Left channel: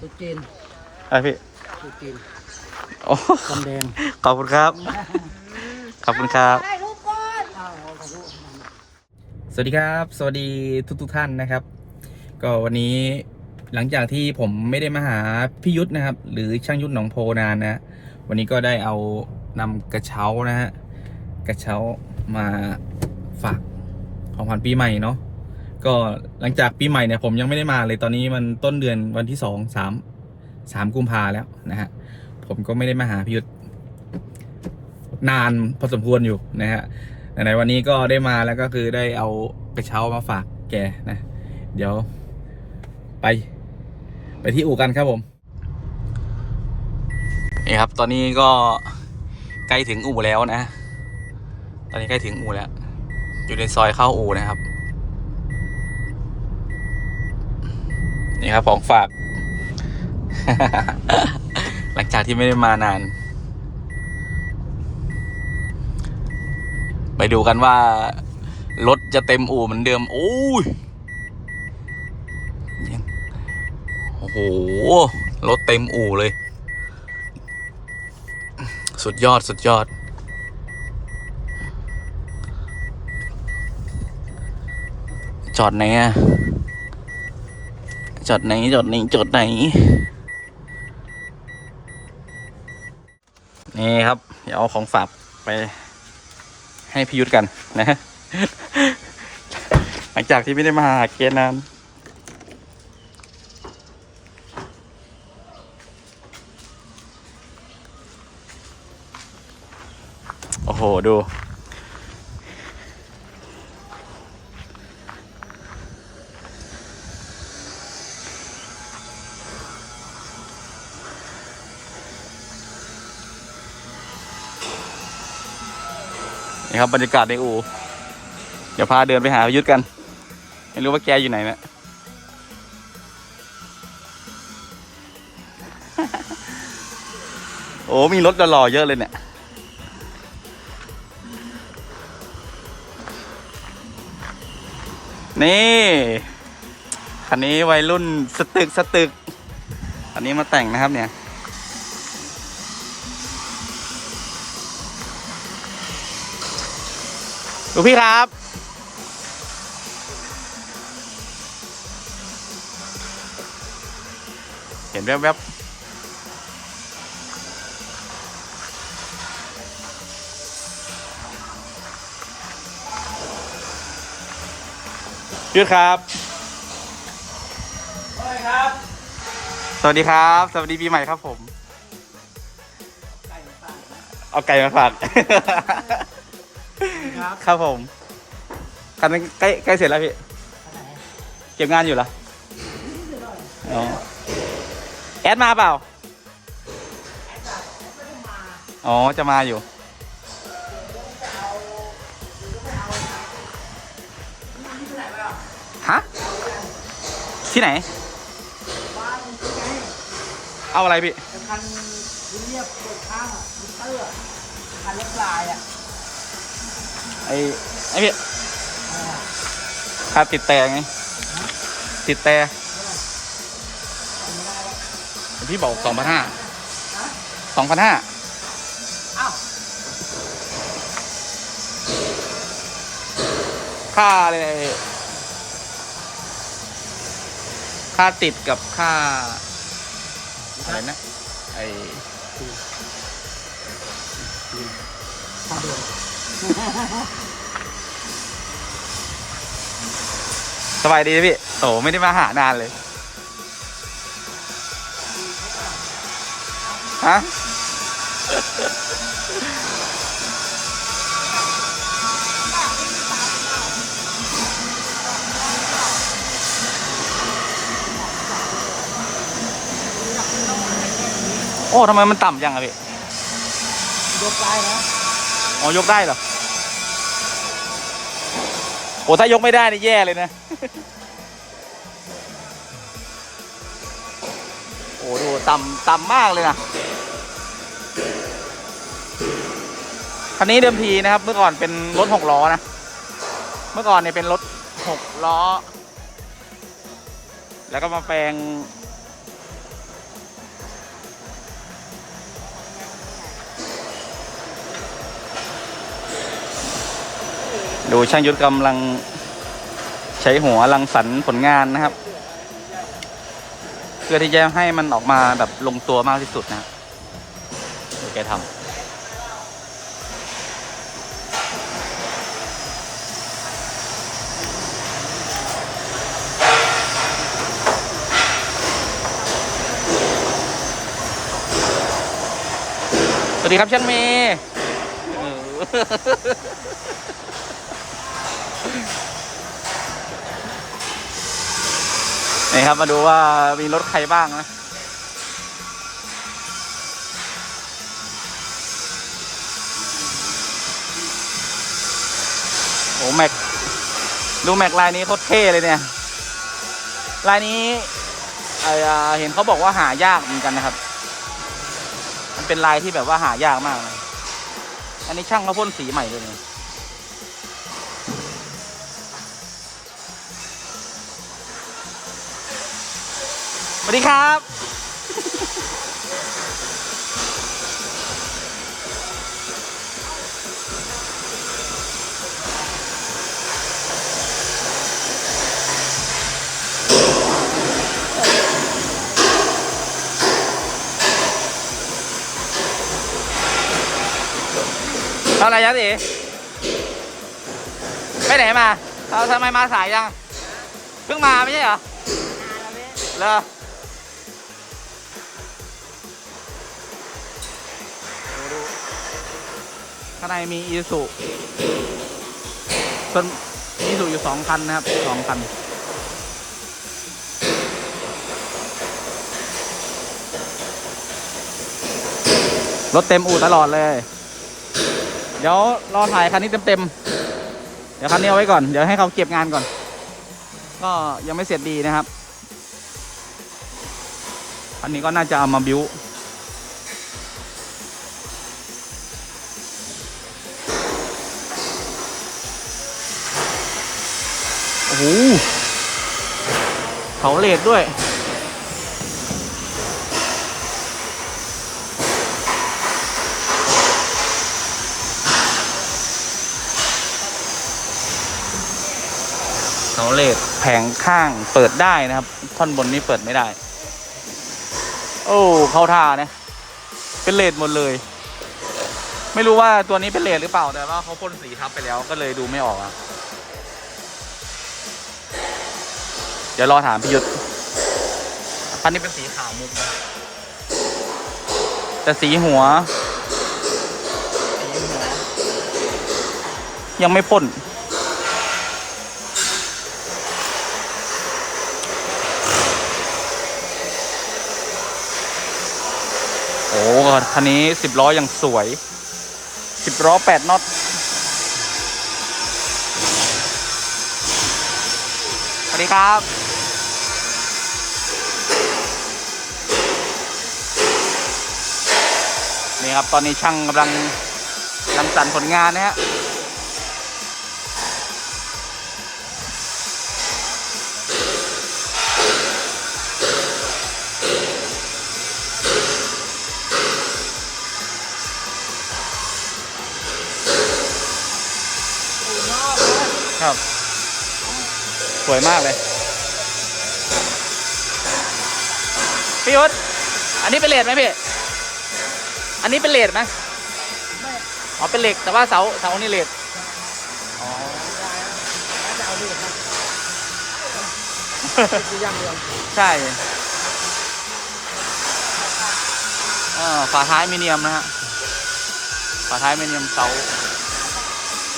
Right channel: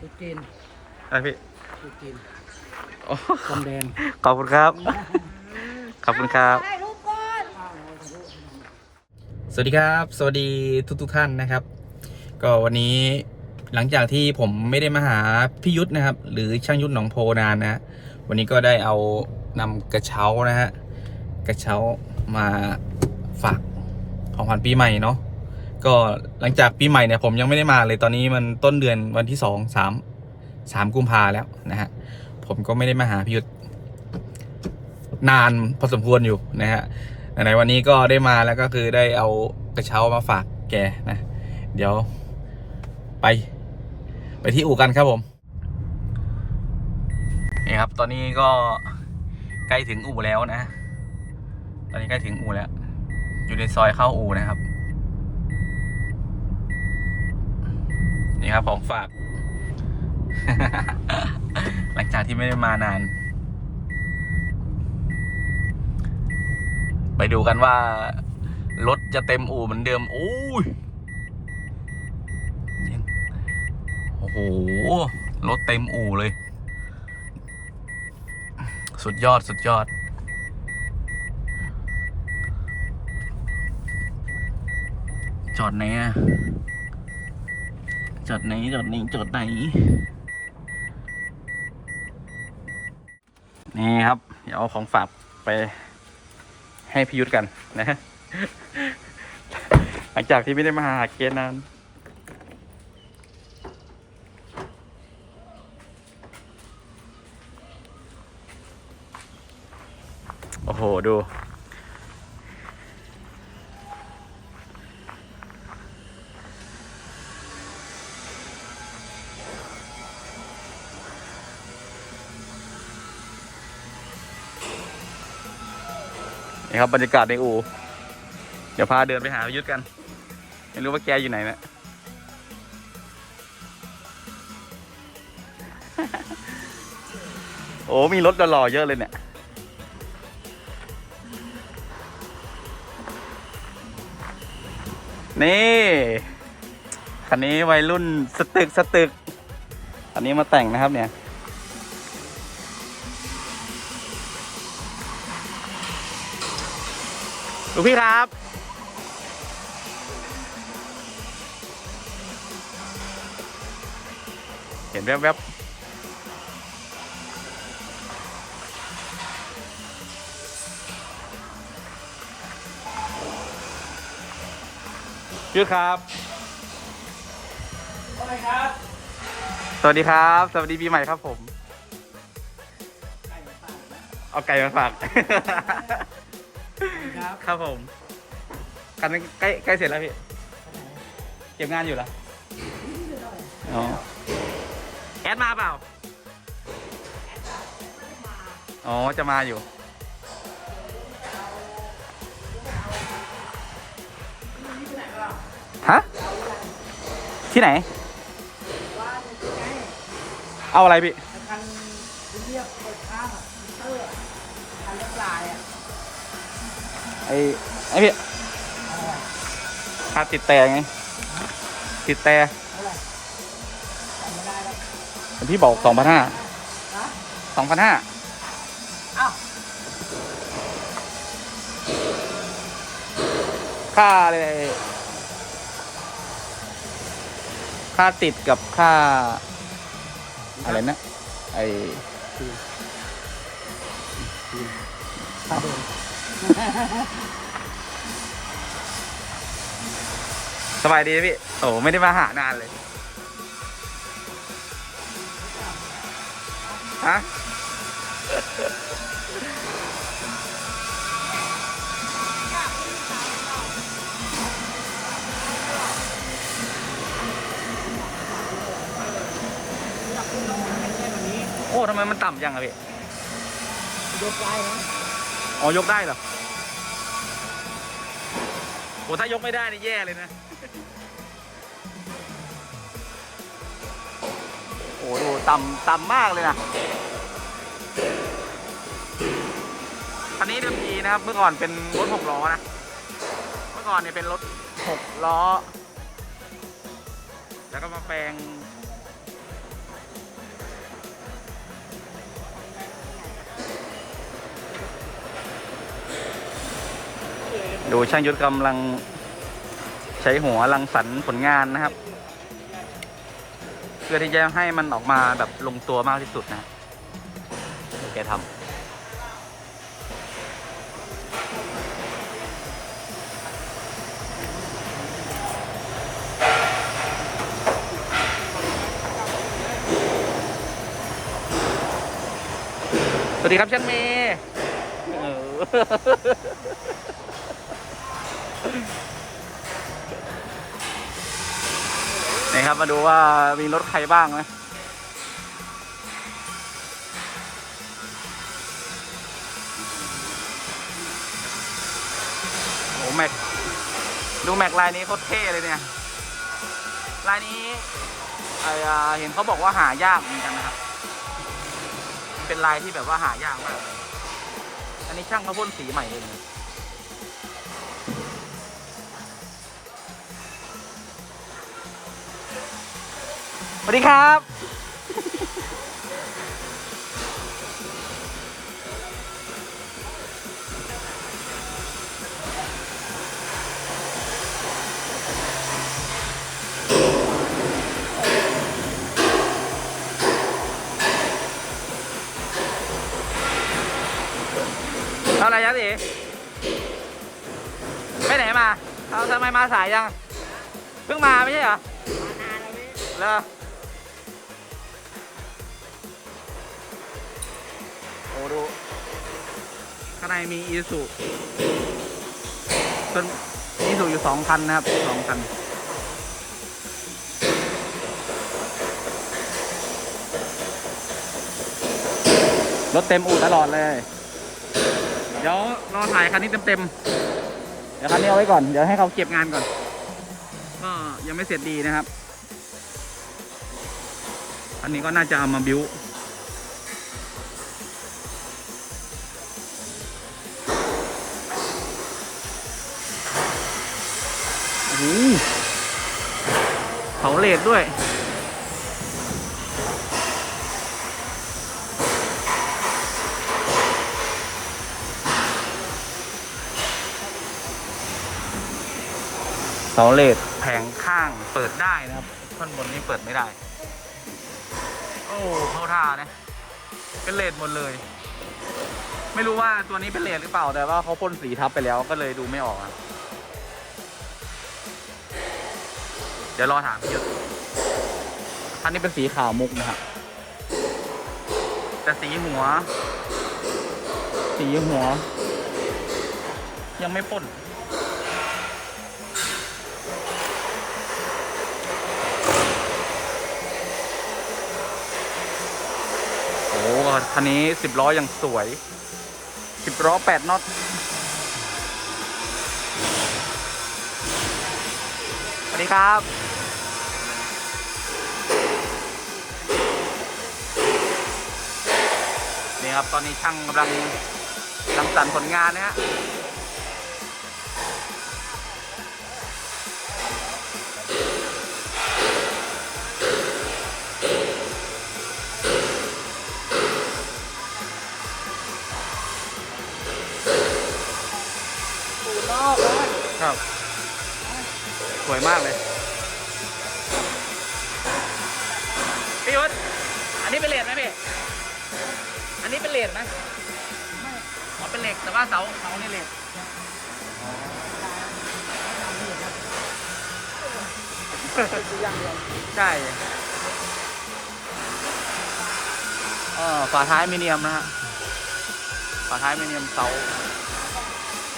ตุ๊ดจีนอะไรพี่ตุ๊ดจีนโอ้กำแดงขอบคุณครับ ขอบคุณครับถ่ายรูปก่อนสวัสดีครับ สวัสดีทุกทุกๆท่านนะครับ ก็วันนี้หลังจากที่ผมไม่ได้มาหาพี่ยุทธนะครับ หรือช่างยุทธหนองโพนานนะ วันนี้ก็ได้เอานำกระเช้านะฮะกระเช้ามาฝากของขวัญปีใหม่เนาะ ก็หลังจากปีใหม่เนี่ยผมยังไม่ได้มาเลยตอนนี้มันต้นเดือนวันที่สองสามสามกุมภาแล้วนะฮะผมก็ไม่ได้มาหาพี่ยุทธนานพอสมควรอยู่นะฮะไหนวันนี้ก็ได้มาแล้วก็คือได้เอากระเช้ามาฝากแกนะ เดี๋ยวไป ไปที่อู่กันครับผมนี่ครับ ตอนนี้ก็ใกล้ถึงอู่แล้วนะ ตอนนี้ใกล้ถึงอู่แล้ว อยู่ในซอยเข้าอู่นะครับ นี่ครับของฝาก หลังจากที่ไม่ได้มานาน ไปดูกันว่า รถจะเต็มอู่เหมือนเดิมโอ้ยยังโอ้โห รถเต็มอู่เลย สุดยอดสุดยอดจอดไหนอะ จอดไหนจอดไหนจอดไหน นี่ครับ เดี๋ยวเอาของฝากไปให้พิยุทธกันนะ หลังจากที่ไม่ได้มาหาเกณฑ์นานโอ้โห ดู ครับบรรยากาศในอู่เดี๋ยวพาเดินไปหาพยุทธกัน ไม่รู้ว่าแกอยู่ไหนนะโอ้มีรถหล่อเยอะเลยเนี่ยนี่คันนี้วัยรุ่นสตึกสตึก อันนี้มาแต่งนะครับเนี่ย ลูกพี่ครับ เห็นแวบๆยืดครับ สวัสดีครับ สวัสดีปีใหม่ครับผม เอาไก่มาฝาก ครับ ครับผมคันนี้ใกล้ใกล้เสร็จแล้วพี่เก็บงานอยู่เหรออ๋อแอดมาเปล่าอ๋อจะมาอยู่ ฮะ ที่ไหน เอาอะไรพี่ไอ้คันที่เรียบเปิดข้างอะมิเตอร์อะคันเล็กลายอะ ไอ้ไอ้พี่ค่าติดแต่ไง ติดแต่จำไม่ได้แล้วพี่บอกสองพันห้าฮะสองพันห้าอ้าวค่าอะไรค่าติดกับค่าอะไรนะไอค่าเดิน สบายดีไหมพี่ โอ้ไม่ได้มาหานานเลย ฮะ โอ้ทำไมมันต่ำจังอะพี่ ยกลายนะ อ๋อยกได้เหรอโอ้ถ้ายกไม่ได้นี่แย่เลยนะ โอ้ดูต่ำต่ำมากเลยนะคันนี้เดิมทีนะครับ เมื่อก่อนเป็นรถหกล้อนะ เมื่อก่อนเนี่ยเป็นรถหกล้อ แล้วก็มาแปลง ดูช่างยุทธกำลังใช้หัวรังสรรค์ผลงานนะครับ เพื่อที่จะให้มันออกมาแบบลงตัวมากที่สุดนะดูแกทำสวัสดีครับช่างเมย์ นี่ครับมาดูว่ามีรถใครบ้างนะโอ้แม็กดูแม็กลายนี้โคตรเท่เลยเนี่ยลายนี้ไอเห็นเขาบอกว่าหายากเหมือนกันนะครับ มันเป็นลายที่แบบว่าหายากมากเลยอันนี้ช่างเขาพ่นสีใหม่เลยเนี่ย วัสดีครับ เอาอะไรยัดอีไปไหนมา เอาทำไมมาสายยัง เพิ่งมาไม่ใช่เหรอ เหรอ ข้างในมีอีสุส่วนอีสุอยู่สองคันนะครับสองคัน รถเต็มอู่ตลอดเลย เดี๋ยวรอถ่ายคันนี้เต็มๆ เดี๋ยวคันนี้เอาไว้ก่อน เดี๋ยวให้เขาเก็บงานก่อน ก็ยังไม่เสร็จดีนะครับ อันนี้ก็น่าจะเอามาบิว หเขาเลดด้วย เสาเลดแผงข้างเปิดได้นะครับ ท่อนบนนี้เปิดไม่ได้ โอ้ เข้าท่านะ เป็นเลดหมดเลย ไม่รู้ว่าตัวนี้เป็นเลดหรือเปล่าแต่ว่าเขาพ่นสีทับไปแล้วก็เลยดูไม่ออกอะ ดี๋ยวรอถามพี่ยุทธคันนี้เป็นสีขาวมุกนะครับ แต่สีหัว สีหัว ยังไม่พ่นโอ้คันนี้สิบล้อยังสวยสิบล้อแปดน็อตสวัสดีครับ นี่ครับ ตอนนี้ช่างกำลังรังสรรค์ผลงานนะฮะครับ สวยมากเลย พี่ยุทธอันนี้เป็นเลดไหมพี่ นนี้เป็นเลดไหมอ๋อเป็นเหล็กแต่ว่าเสาเสานี่เลดอ๋อใช่เออฝาท้ายมิเนียมนะฮะฝาท้ายมิเนียมเสา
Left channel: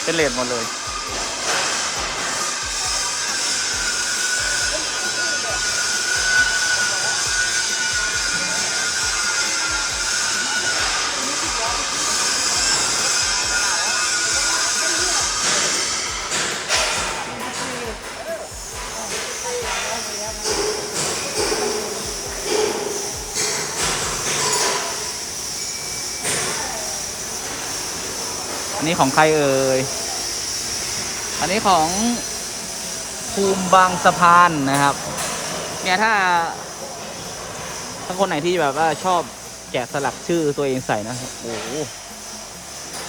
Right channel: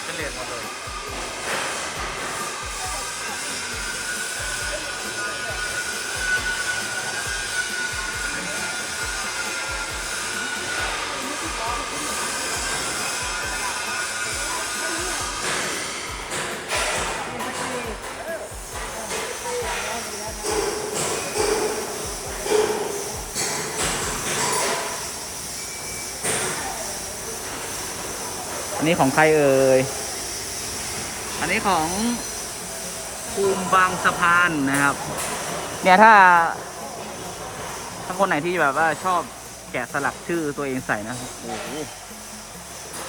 เป็นเลดหมดเลย อันนี้ของใครเอ่ย อันนี้ของภูมิบางสะพานนะครับ เนี่ยถ้าถ้าคนไหนที่แบบว่าชอบแกะสลักชื่อตัวเองใส่นะ โอ้โห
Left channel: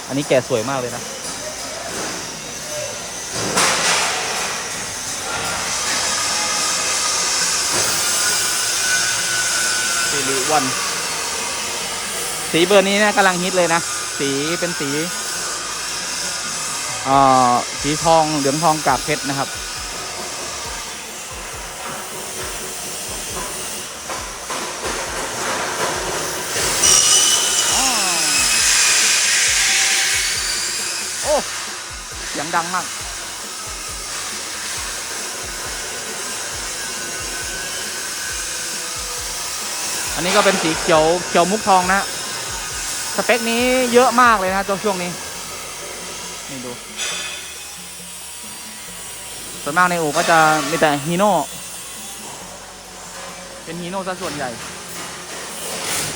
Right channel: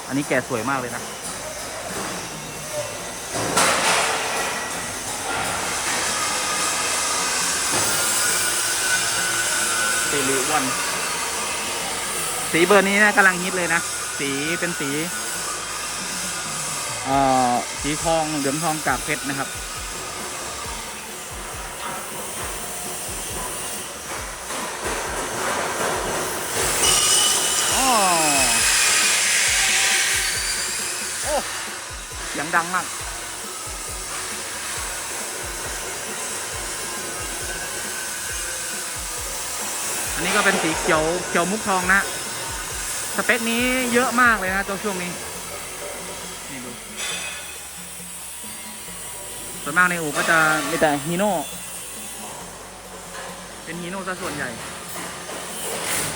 อันนี้แกะสวยมากเลยนะสีริวัน สีเบอร์นี้นะกำลังฮิตเลยนะ สีเป็นสี สีทองเหลืองทองกากเพชรนะครับ โอ้เสียงดังมากอันนี้ก็เป็นสีเขียวเขียวมุกทองนะ สเปคนี้เยอะมากเลยนะตัวช่วงนี้ นี่ดู ส่วนมากในอู่ก็จะมีแต่ฮีโน่ เป็นฮีโน่ซะส่วนใหญ่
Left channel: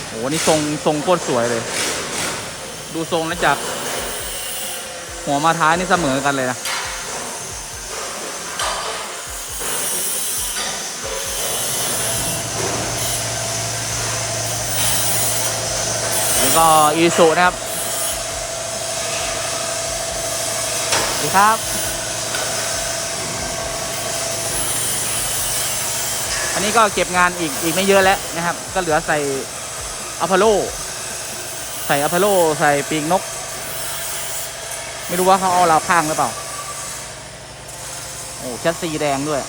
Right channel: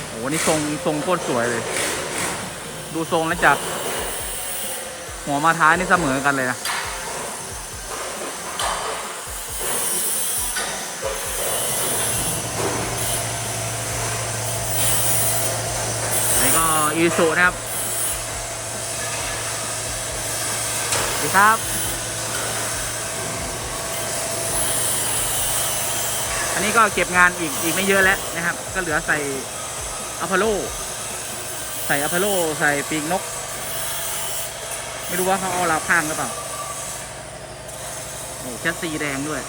โอ้โหนี่ทรงทรงโคตรสวยเลย ดูทรงแล้วจาก หัวมาท้ายนี่เสมอกันเลยนะนี่ก็อีสุนะครับสวัสดีครับ อันนี้ก็เก็บงานอีกอีกไม่เยอะแล้วนะครับ ก็เหลือใส่อัพพโลใส่อัพพโลใส่ปีกนก ไม่รู้ว่าเขาเอาเราวข้างหรือเปล่าโอ้แชสซีแดงด้วย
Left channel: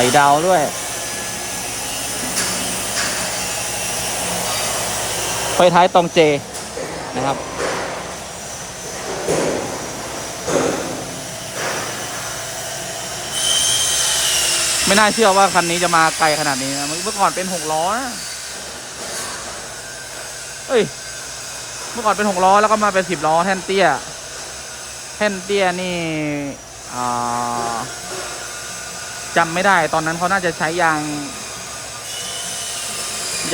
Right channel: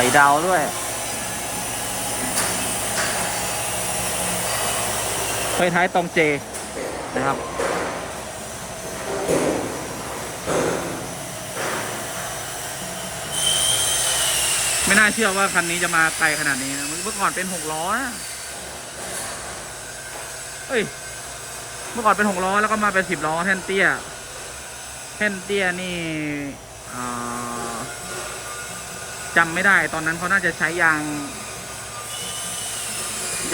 ส่ดาวด้วย ไฟท้ายตรงเจนะครับ ไม่น่าเชื่อว่าคันนี้จะมาไกลขนาดนี้นะ เมื่อก่อนเป็นหกล้อนะเอ้ย เมื่อก่อนเป็นหกล้อแล้วก็มาเป็นสิบล้อแท่นเตี้ย แท่นเตี้ยนี่อ่า จำไม่ได้ ตอนนั้นเขาน่าจะใช้ยาง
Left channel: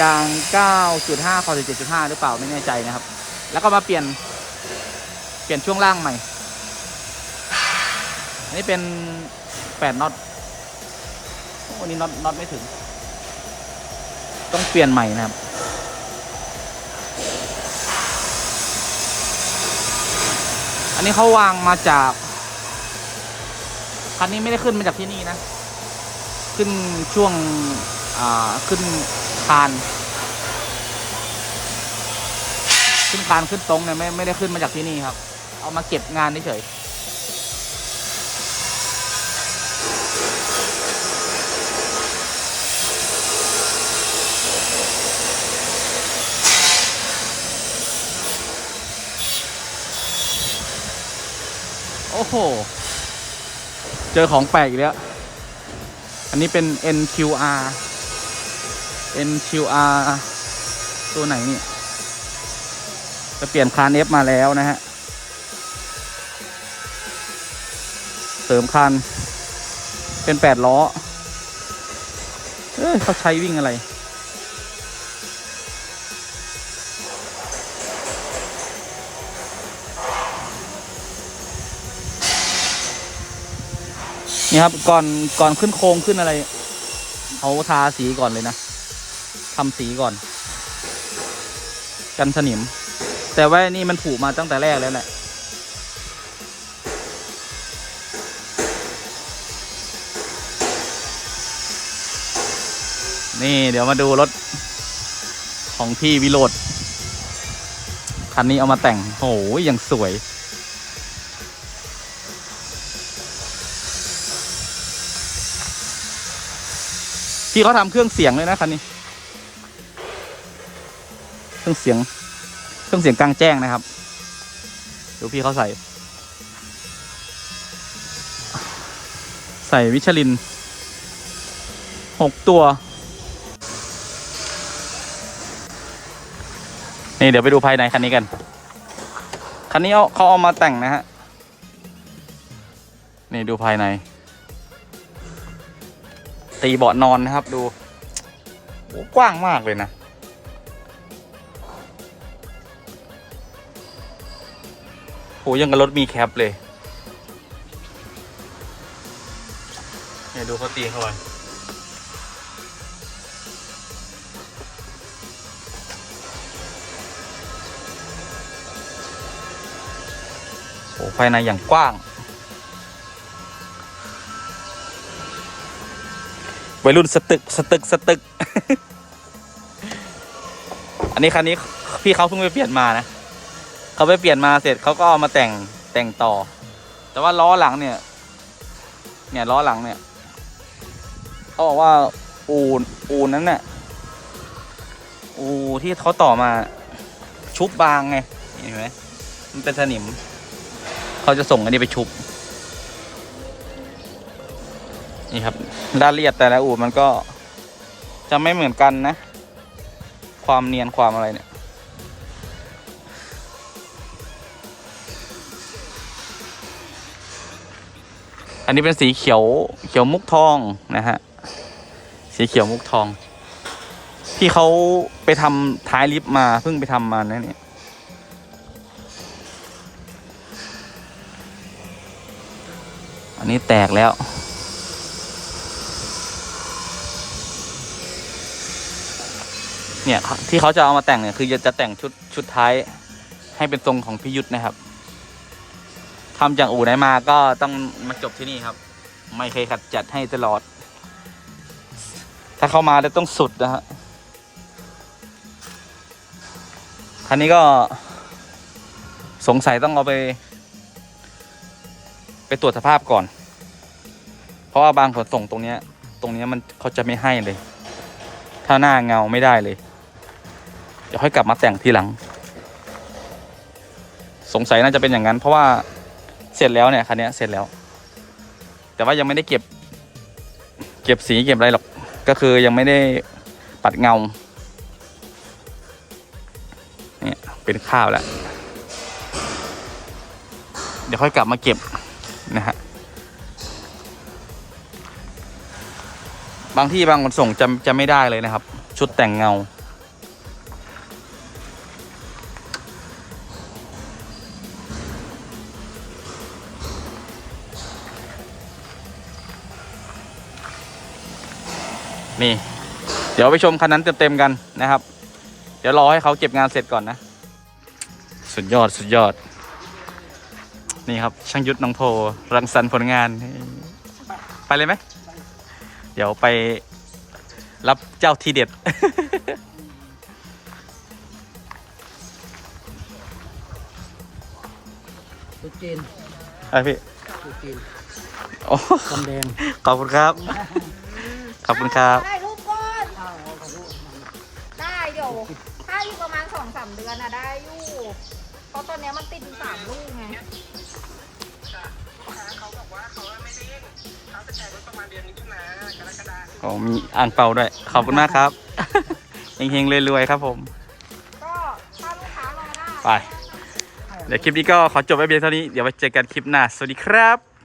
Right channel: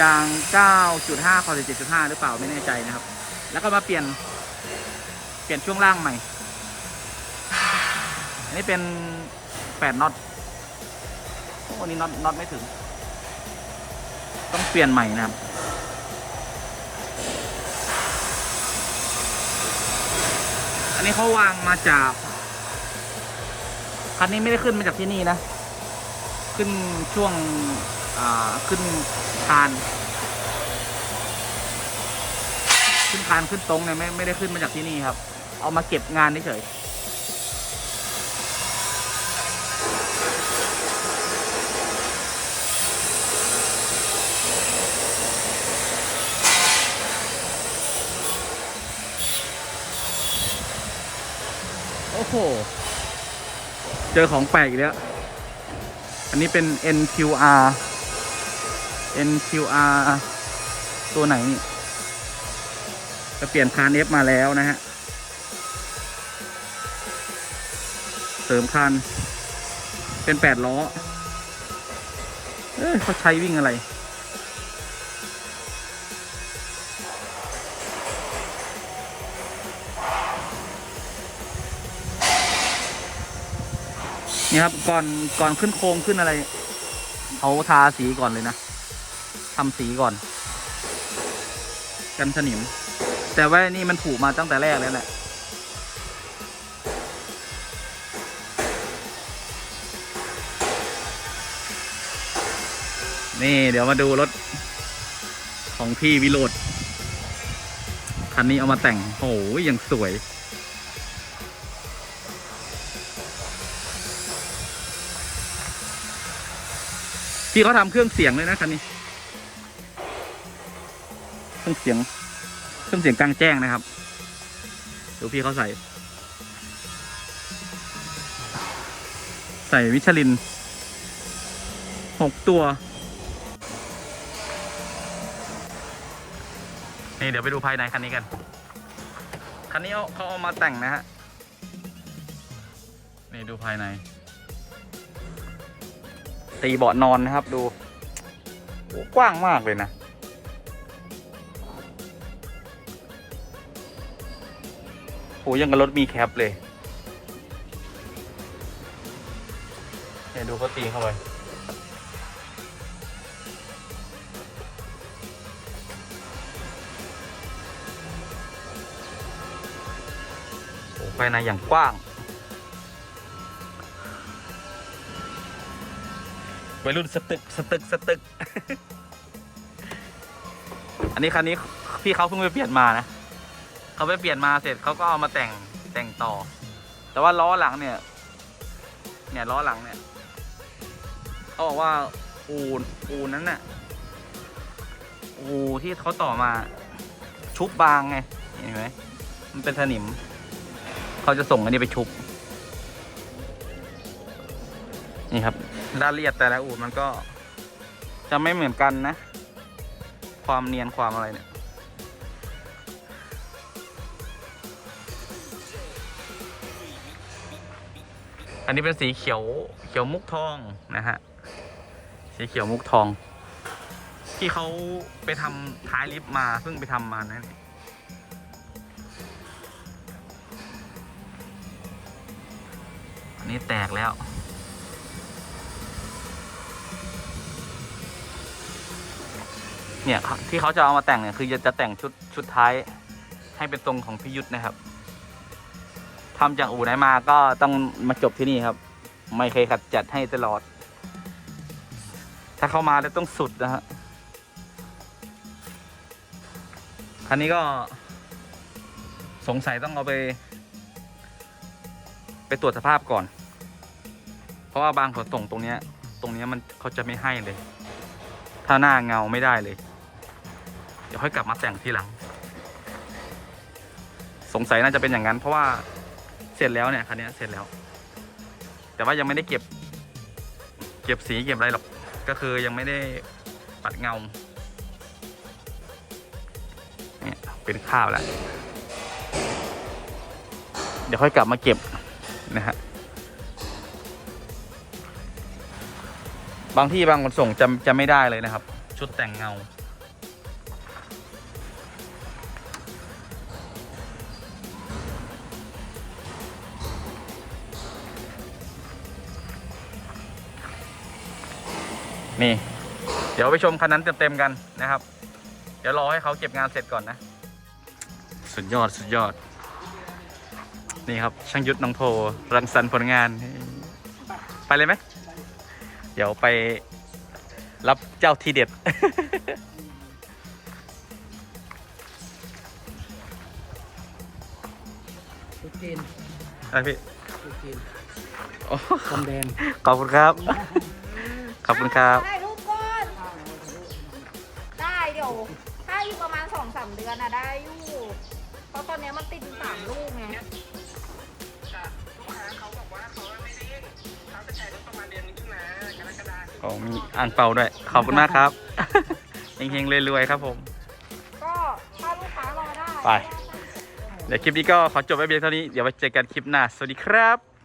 ยาง 9.5คอ7.5 หรือเปล่าไม่แน่ใจนะครับ แล้วก็มาเปลี่ยน เปลี่ยนช่วงล่างใหม่ อันนี้เป็น 8น็อตโอ้อันนี้น็อตน็อตไม่ถึง ต้องเปลี่ยนใหม่นะครับอันนี้เขาวางมาจาก คันนี้ไม่ได้ขึ้นมาจากที่นี่นะ ขึ้นช่วงขึ้นคาน ขึ้นคานขึ้นตรงเนี่ยไม่ไม่ได้ขึ้นมาจากที่นี่ครับ เอามาเก็บงานเฉยโอ้โห เจอของแปลกอีกแล้ว อันนี้เป็น NQR NQR ตัวไหนนี่ จะเปลี่ยนคาน F มาแล้วนะฮะ เสริมคาน เป็นแปดล้อ เอ้ยเขาใช้วิ่งอะไร นี่ครับ ก่อนก่อนขึ้นโครงขึ้นอะไรเขาทาสีก่อนเลยนะทำสีก่อน กันสนิม แต่ว่านี่มันผูกมาตั้งแต่แรกแล้วแหละนี่เดี๋ยวมาดูรถ ของพี่วิโรดคันนี้เอามาแต่งโอ้ยยังสวย พี่เขาทำเครื่องเสียงเลยนะคันนี้ เครื่องเสียง เครื่องเสียงกลางแจ้งนะครับเดี๋ยวพี่เขาใส่ ใส่วิชลินหกตัว นี่เดี๋ยวไปดูภายในคันนี้กัน คันนี้เขาเอามาแต่งนะฮะ นี่ดูภายใน ตีเบาะนอนนะครับดูโอ้กว้างมากเลยนะ โหยังกับรถมีแคปเลยเนี่ยดูเขาตีเข้าไปโอ้ภายในอย่างกว้าง วัยรุ่นสตึกสตึกสตึก อันนี้คันนี้พี่เขาเพิ่งไปเปลี่ยนมานะเขาไปเปลี่ยนมาเสร็จเขาก็เอามาแต่งแต่งต่อ แต่ว่าล้อหลังเนี่ย เนี่ยล้อหลังเนี่ยเขาบอกว่าอูอูนั้นน่ะอูที่เขาต่อมาชุบบางไงเห็นไหมมันเป็นสนิมเขาจะส่งอันนี้ไปชุบ นี่ครับรายละเอียดแต่ละอูมันก็จะไม่เหมือนกันนะ ความเนียนความอะไรเนี่ยอันนี้เป็นสีเขียวเขียวมุกทองนะฮะ สีเขียวมุกทอง ที่เขาไปทำท้ายลิฟต์มาเพิ่งไปทำมานะเนี่ยอันนี้แตกแล้ว เนี่ยที่เขาจะเอามาแต่งเนี่ยคือจะแต่งชุดชุดท้ายให้เป็นทรงของพิยุทธนะครับทำจากอู่ไหนมาก็ต้องมาจบที่นี่ครับ ไม่เคยขัดจัดให้ตลอด ถ้าเข้ามาแล้วต้องสุดนะฮะคันนี้ก็สงสัยต้องเอาไป ไปตรวจสภาพก่อน เพราะว่าบางขนส่งตรงเนี้ย ตรงเนี้ยมันเขาจะไม่ให้เลย ถ้าหน้าเงาไม่ได้เลย ดี๋ยวค่อยกลับมาแต่งทีหลัง สงสัยน่าจะเป็นอย่างนั้น เพราะว่าเสร็จแล้วเนี่ยคันนี้เสร็จแล้ว แต่ว่ายังไม่ได้เก็บ เก็บสีเก็บอะไรหรอกก็คือยังไม่ได้ปัดเงาเนี่ยเป็นข้าวแล้วเดี๋ยวค่อยกลับมาเก็บนะฮะบางที่บางขนส่งจะจะไม่ได้เลยนะครับ ชุดแต่งเงา นี่ เดี๋ยวไปชมคันนั้นเต็มๆกันนะครับ เดี๋ยวรอให้เขาเก็บงานเสร็จก่อนนะ สุดยอดสุดยอด นี่ครับ ช่างยุทธน้องโพรังสรรค์ผลงาน ไปเลยไหม เดี๋ยวไปรับเจ้าทีเด็ด ตุ๊จีนอะไรพี่ตุ๊จีนโอ้กำแดง ขอบคุณครับ ขอบคุณครับถ่ายรูปก่อนได้เดี๋ยว ถ้าอยู่ประมาณสองสามเดือนอะได้อยู่ เพราะตอนเนี้ยมันติดอยู่สามลูกไงลูกค้าเขาบอกว่าเขาไม่ได้เล่นเขาจะใช้รถประมาณเดือนมิถุนากรกฎาคมโอ้มีอ่างเปาด้วย ขอบคุณมากครับ เฮงๆรวยๆครับผม ก็ถ้าลูกค้ามาได้ ไป เดี๋ยวคลิปนี้ก็ขอจบไว้เพียงเท่านี้ เดี๋ยวไว้เจอกันคลิปหน้า สวัสดีครับ